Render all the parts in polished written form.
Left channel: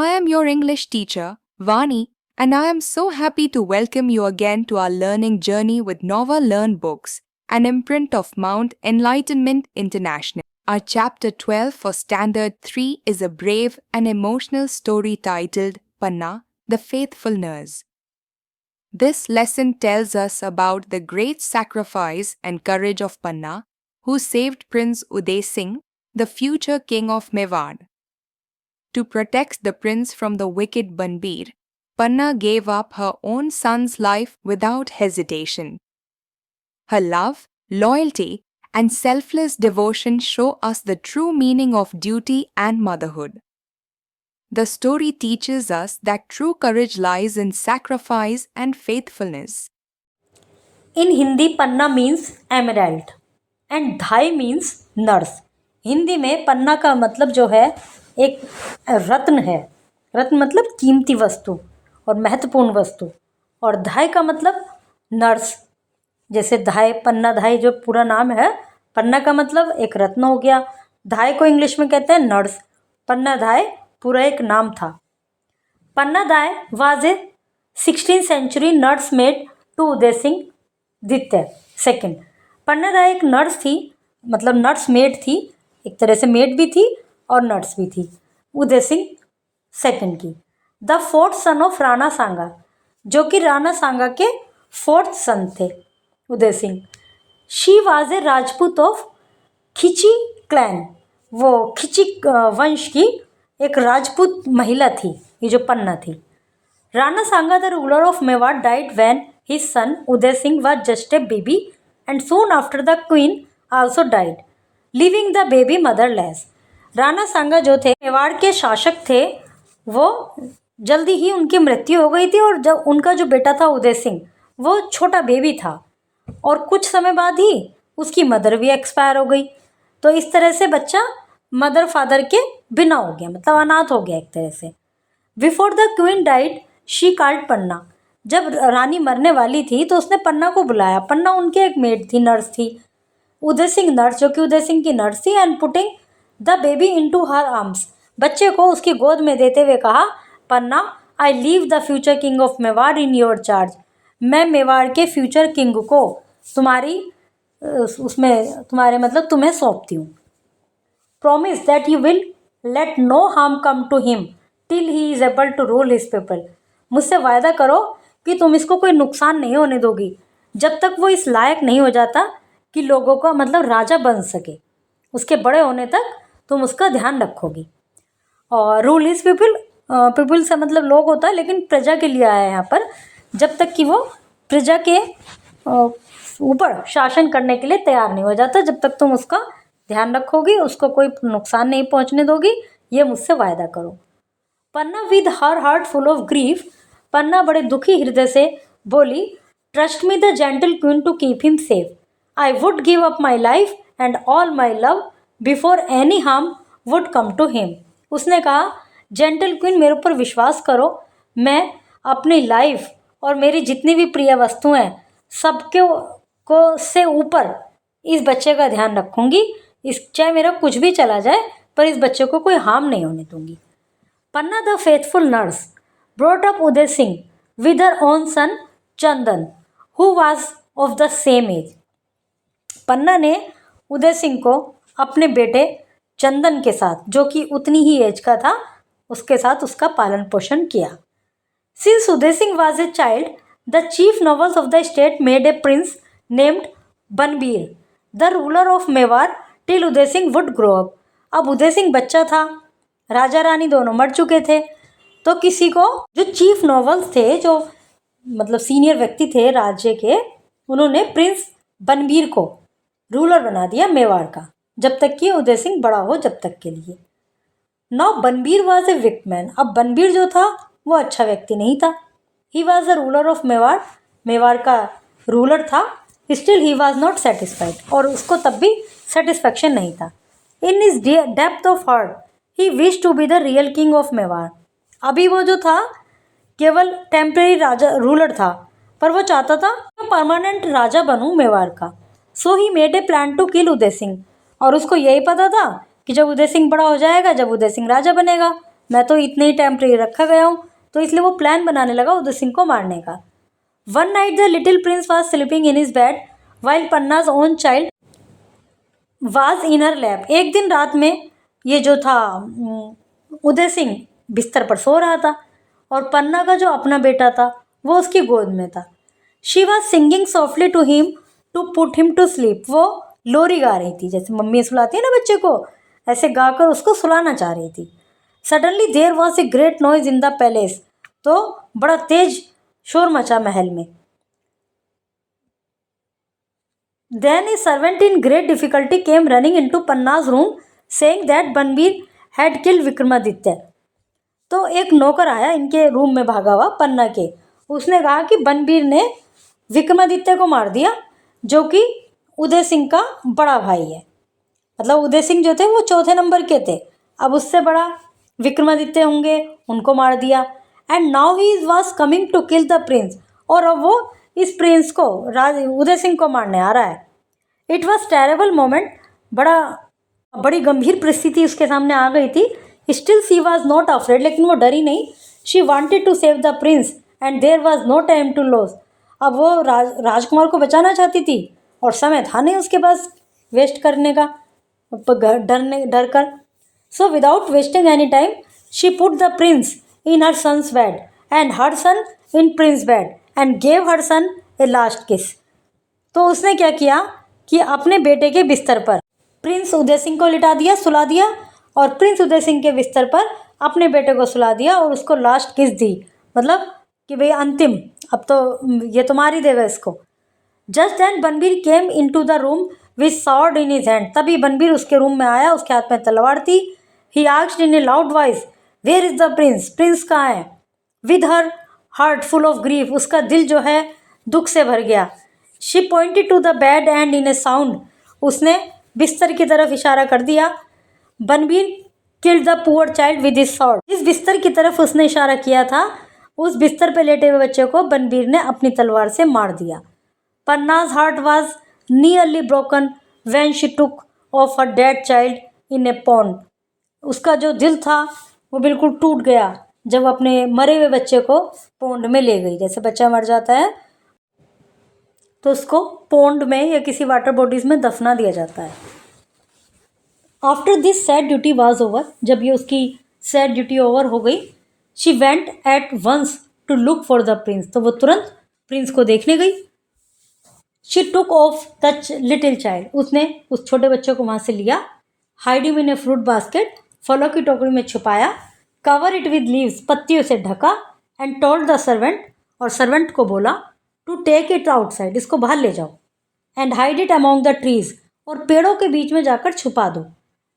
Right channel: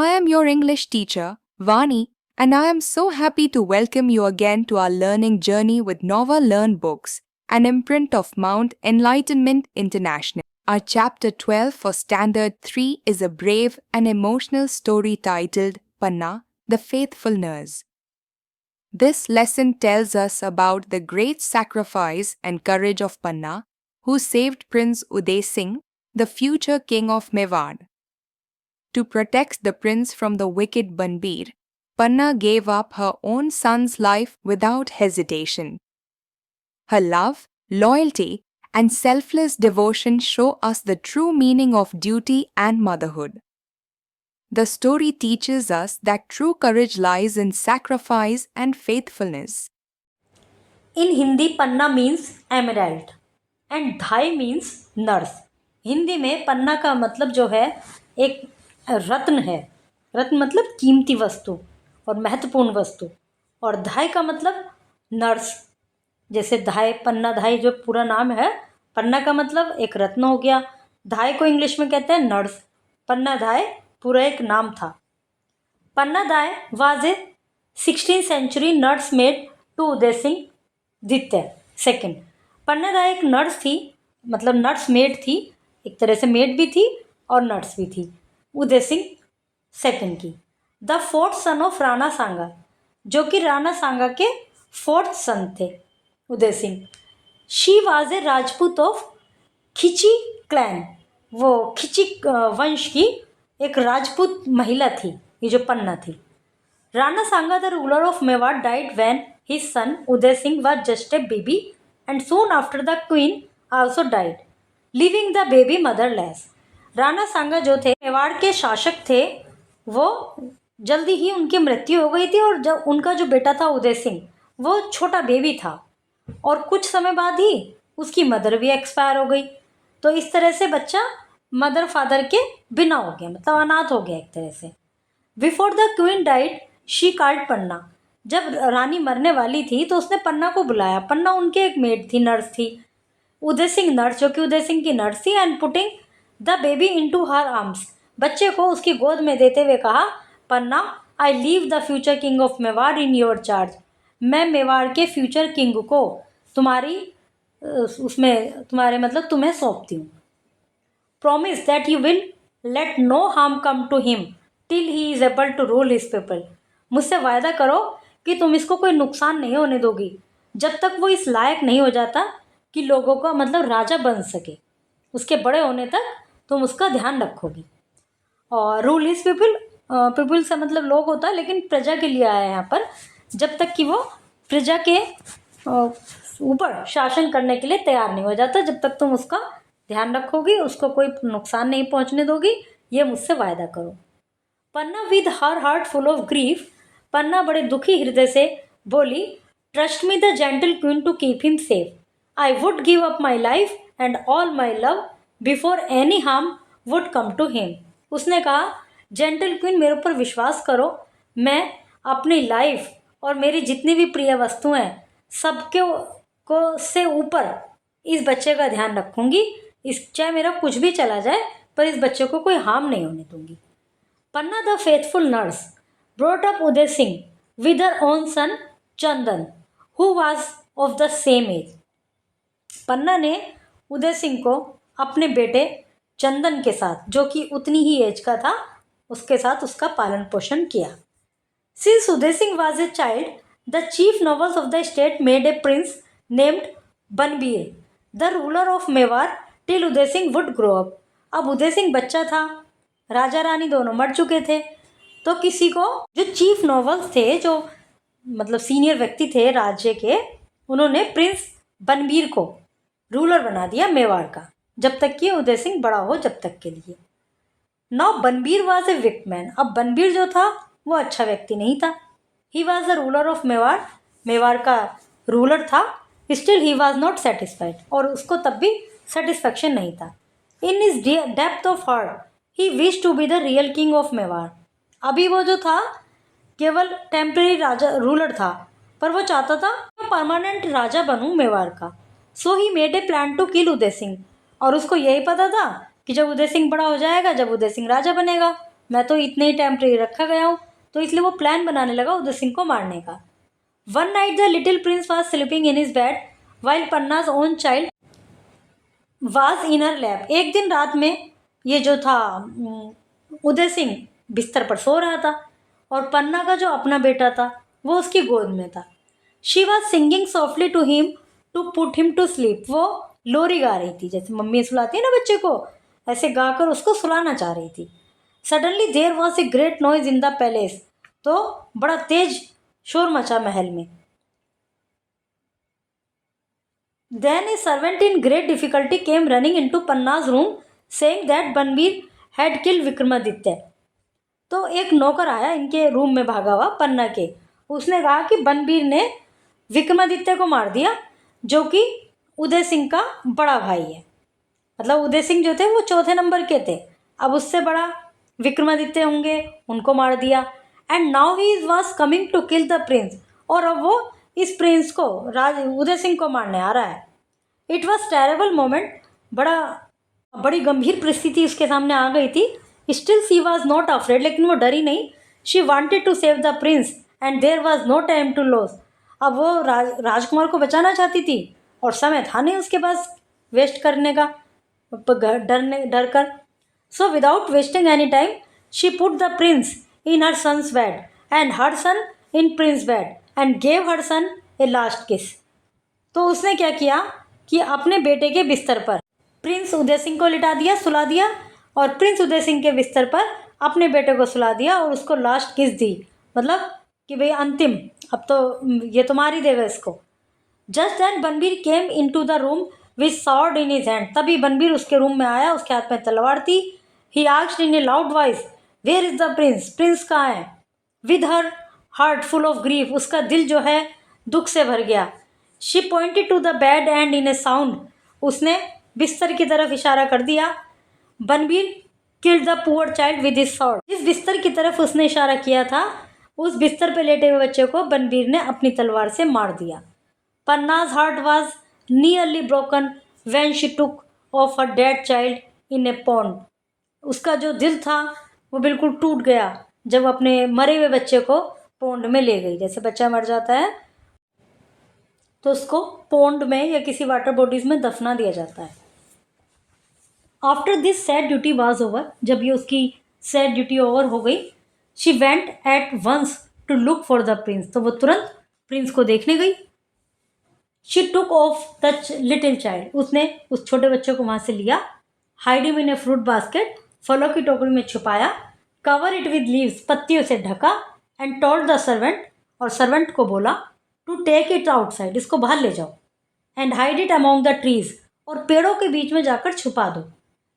I am your English teacher, Vani, and I am so happy to welcome you again to our learning journey with Nova Learn Books, an imprint of Mount Enlightenment International. Our chapter 12 for Standard 3 is a brave and emotional story titled Panna, the Faithful Nurse. This lesson tells us about the great sacrifice and courage of Panna, who saved Prince Uday Singh, the future king of Mewar. To protect the prince from the wicked Banbir, Panna gave up her own son's life without hesitation. Her love, loyalty, and selfless devotion show us the true meaning of duty and motherhood. The story teaches us that true courage lies in sacrifice and faithfulness. In Hindi, Panna means emerald and धाई means nurse. Hindi में पन्ना का मतलब जो है एक रत्न है. रत्न मतलब कीमती वस्तु और महत्वपूर्ण वस्तु, और धाई का मतलब नर्स. जैसे धाई, पन्ना धाई जो पूरा नाम है, पन्ना का मतलब एक रत्न हो गया, धाई को इंग्लिश में कहते हैं नर्स. पन्ना धाई पूरा एक नाम था. पन्ना धाई was a 16th century nurse maid to Uday Singh द्वितीय सेकंड. पन्ना धाई एक नर्स थी, मतलब नर्स मेड थी, एक तरह से मेड भी थी और नर्स भी थी, उदय सिंह सेकंड की. The fourth son of Rana Sanga, जो कि राणा सांगा के फोर्थ सन थे Uday Singh. She was a Rajput of Khichi clan, वो खिची वंश की एक राजपूत महिला थी ये जो पन्ना थी. Rana Sanga the ruler of Mewar died when his son Uday Singh was just a baby, and soon after the queen also died, leaving the baby motherless. Rana Sanga जो थे मेवाड़ के शासक थे, वो जल्दी ही उनकी मृत्यु हो गई थी, और जब उनका जो बेटा था उदय सिंह, वो छोटा बेबी था, और कुछ समय बाद ही उसकी मदर भी एक्सपायर हो गई. तो इस तरह से बच्चा मदर फादर के बिना हो गया, मतलब अनाथ हो गया एक तरह से. Before the queen died she called Panna, जब रानी मरने वाली थी तो उसने पन्ना को बुलाया. पन्ना उनकी एक मेड थी, नर्स थी. उदय सिंह नर्स, जो कि उदय सिंह की नर्स थी. And putting the baby into her arms, बच्चे को उसकी गोद में देते हुए कहा, Panna I leave the future king of Mewar in your charge, मैं मेवाड़ के फ्यूचर किंग को तुम्हारी उसमें तुम्हारे मतलब तुम्हें सौंपती हूँ. Promise that you will let no harm come to him till he is able to rule his people, मुझसे वायदा करो कि तुम इसको कोई नुकसान नहीं होने दोगी जब तक वो इस लायक नहीं हो जाता कि लोगों का मतलब राजा बन सके. उसके बड़े होने तक तुम उसका ध्यान रखोगी. और रूल हिज पीपल, पीपल से मतलब लोग होता है, लेकिन प्रजा के लिए आया है यहाँ पर, जब तक कि वो प्रजा के ऊपर शासन करने के लिए तैयार नहीं हो जाता, जब तक तुम उसका ध्यान रखोगी, उसको कोई नुकसान नहीं पहुँचने दोगी, ये मुझसे वायदा करो. Panna with her heart full of grief, Panna बड़े दुखी हृदय से बोली, trust me the gentle queen to keep him safe, I would give up my life and all my love before any harm would come to him. उसने कहा, gentle queen मेरे ऊपर विश्वास करो, मैं अपनी लाइफ और मेरी जितनी भी प्रिय वस्तुएं सबके को से ऊपर इस बच्चे का ध्यान रखूंगी, इस चाहे मेरा कुछ भी चला जाए पर इस बच्चे को कोई हार्म नहीं होने दूंगी. Panna the faithful nurse brought up Uday Singh with her own son Chandan, who was of the same age. पन्ना ने उदय सिंह को अपने बेटे चंदन के साथ, जो कि उतनी ही एज का था, उसके साथ उसका पालन पोषण किया. Since Uday Singh was a child, the chief nobles of the state made a prince named Banbir, the ruler of Mewar, till Uday Singh would grow up. अब उदय सिंह बच्चा था, राजा रानी दोनों मर चुके थे, तो किसी को जो चीफ नॉवल्स थे, जो मतलब सीनियर व्यक्ति थे राज्य के, उन्होंने प्रिंस बनबीर को रूलर बना दिया मेवाड़ का, जब तक कि उदय सिंह बड़ा हो, जब तक के लिए. Now Banbir was a wicked man, अब बनबीर जो था वो अच्छा व्यक्ति नहीं था. He was the ruler of Mewar, Mewar का रूलर था. Still he was not satisfied, और उसको तब भी सेटिस्फैक्शन नहीं था. In his depth of heart he wish to be the real king of Mewar. अभी वो जो था केवल टेम्परेरी राजा रूलर था, पर वो चाहता था मैं परमानेंट राजा बनूं मेवाड़ का. So he made a plan to kill Uday Singh, और उसको यही पता था कि जब उदय सिंह बड़ा हो जाएगा, जब उदय सिंह राजा बनेगा, मैं तो इतने ही टेम्परेरी रखा गया हूँ। तो इसलिए वो प्लान बनाने लगा उदय सिंह को मारने का। One night the little prince was sleeping in his bed while Panna's own child was in her lap. एक दिन रात में ये जो था उदय सिंह बिस्तर पर सो रहा था और पन्ना का जो अपना बेटा था वो उसकी गोद में था। She was singing softly to him to put him to sleep. वो लोरी गा रही थी, जैसे मम्मी सुलाती है ना बच्चे को, ऐसे गाकर उसको सुलाना चाह रही थी। Suddenly there was a great noise in the palace. तो बड़ा तेज शोर मचा महल में। Then a servant in great difficulty came running into Panna's room saying that Banbir had killed Vikramaditya. तो एक नौकर आया इनके रूम में भागा हुआ पन्ना के, उसने कहा कि बनबीर ने विक्रमादित्य को मार दिया, जो कि उदय सिंह का बड़ा भाई है। मतलब उदय सिंह जो थे वो चौथे नंबर के थे, अब उससे बड़ा विक्रमादित्य होंगे, उनको मार दिया। And now he was coming to kill the prince, और अब वो इस प्रिंस को उदय सिंह को मारने आ रहा है। इट वॉज टेरेबल मोमेंट, बड़ी गंभीर परिस्थिति उसके सामने आ गई थी। Still she was not afraid, लेकिन वो डरी नहीं। She wanted to save the prince and there was no time to lose. अब वो राजकुमार को बचाना चाहती थी और समय था नहीं उसके पास वेस्ट करने का, डर कर। So without wasting any time she put the prince in her son's bed and her son in prince bed and gave her son a last kiss. तो उसने क्या किया कि अपने बेटे के बिस्तर पर प्रिंस उदय सिंह को लिटा दिया, सुला दिया, और प्रिंस उदय सिंह के बिस्तर पर अपने बेटे को सुला दिया और उसको लास्ट किस दी, मतलब कि भाई अंतिम, अब तो ये तो मार ही देगा इसको। Just then Banbir came into the room with sword in his hand. तभी बनबीर उसके रूम में आया, उसके हाथ में तलवार थी। He asked in a loud voice, where is the prince, prince कहाँ है। With her heart full of grief, उसका दिल जो है दुख से भर गया। She pointed to the bed and in a sound, उसने बिस्तर की तरफ इशारा कर दिया। Banbir killed the poor child with his sword. जिस बिस्तर की तरफ उसने इशारा किया था, उस बिस्तर पर लेटे हुए बच्चे को बनबीर ने अपनी तलवार से मार दिया। Panna's heart was nearly broken when she took off her dead child in a pond. उसका जो दिल था वो बिल्कुल टूट गया जब अपने मरे हुए बच्चे को पोंड में ले गई। जैसे बच्चा मर जाता है तो उसको पोंड में या किसी वाटर बॉडीज में दफना दिया जाता है। After this sad duty was over, जब ये उसकी सैड ड्यूटी ओवर हो गई, she went at once to look for the prince. तो वो तुरंत प्रिंस को देखने गई। She took off the little child, उसने उस छोटे बच्चे को वहाँ से लिया। Hide him in a fruit basket, फलों की टोकरी में छुपाया। कवर इट विद लीव्स, पत्तियों से ढका। एंड टोल्ड द सर्वेंट, और सर्वेंट को बोला, टू टेक इट आउटसाइड, इसको बाहर ले जाओ। And hide it among the trees, और पेड़ों के बीच में जाकर छुपा दो।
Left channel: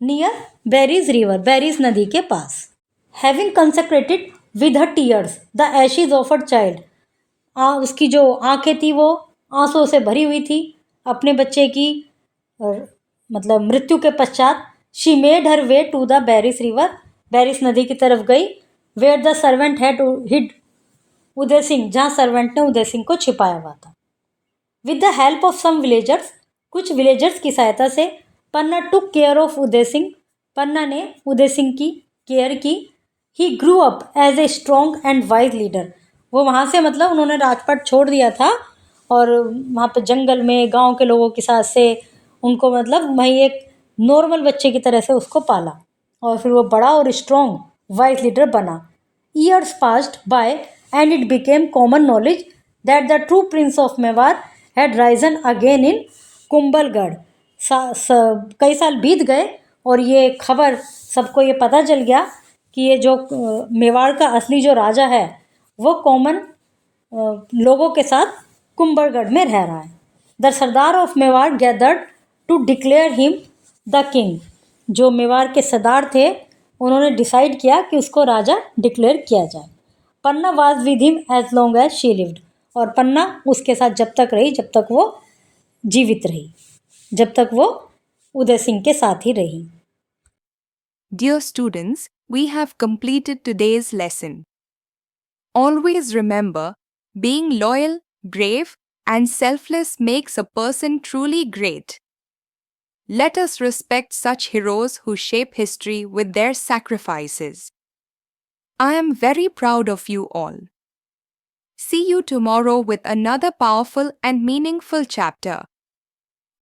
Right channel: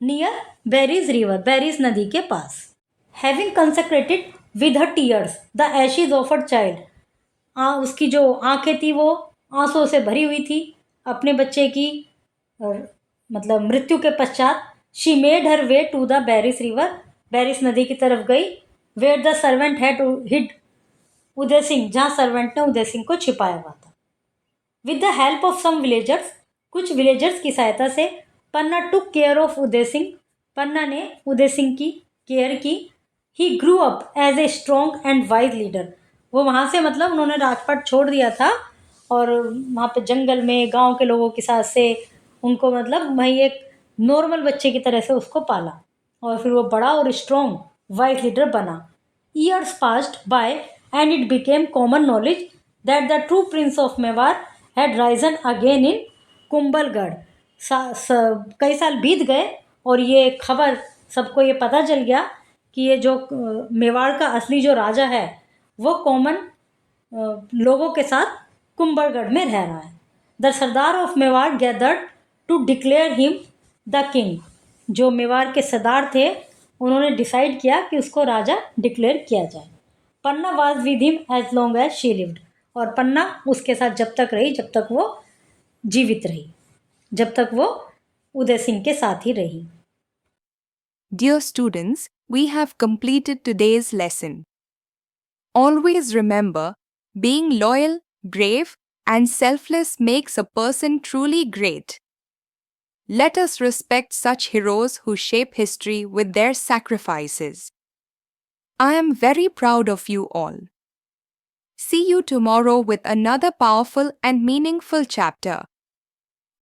नियर बेरीज रिवर, बेरीज नदी के पास। Having consecrated with her tears the ashes of her child, उसकी जो आंखें थी वो आंसुओं से भरी हुई थी अपने बच्चे की मतलब मृत्यु के पश्चात। She made her way to the Beris river, Beris नदी की तरफ गई। Where the servant had hid Uday Singh, जहाँ सर्वेंट ने उदय सिंह को छिपाया हुआ था। With the help of some villagers, कुछ विलेजर्स की सहायता से, Panna took care of Uday Singh, Panna ने उदय सिंह की केयर की। He grew up as a strong and wise leader, वो वहाँ से मतलब उन्होंने राजपाट छोड़ दिया था और वहाँ पे जंगल में गांव के लोगों के साथ से उनको मतलब वहीं एक नॉर्मल बच्चे की तरह से उसको पाला और फिर वो बड़ा और स्ट्रॉन्ग वाइज लीडर बना। Years passed by and it became common knowledge that the true Prince of Mewar had Ryzen again in Kumbhalgarh. कई साल बीत गए और ये खबर सबको ये पता चल गया कि ये जो मेवाड़ का असली जो राजा है वो कॉमन लोगों के साथ कुंभलगढ़ में रह रहा है। The sardar of Mewar gathered to declare him the king, जो मेवाड़ के सरदार थे उन्होंने डिसाइड किया कि उसको राजा डिक्लेयर किया जाए। Panna was with him as long as she lived, और पन्ना उसके साथ जब तक रही जब तक वो जीवित रही, जब तक वो उदय सिंह के साथ ही रही। Dear students, we have completed today's lesson. Always remember, being loyal, brave, and selfless makes a person truly great. Let us respect such heroes who shape history with their sacrifices. I am very proud of you all. See you tomorrow with another powerful and meaningful chapter.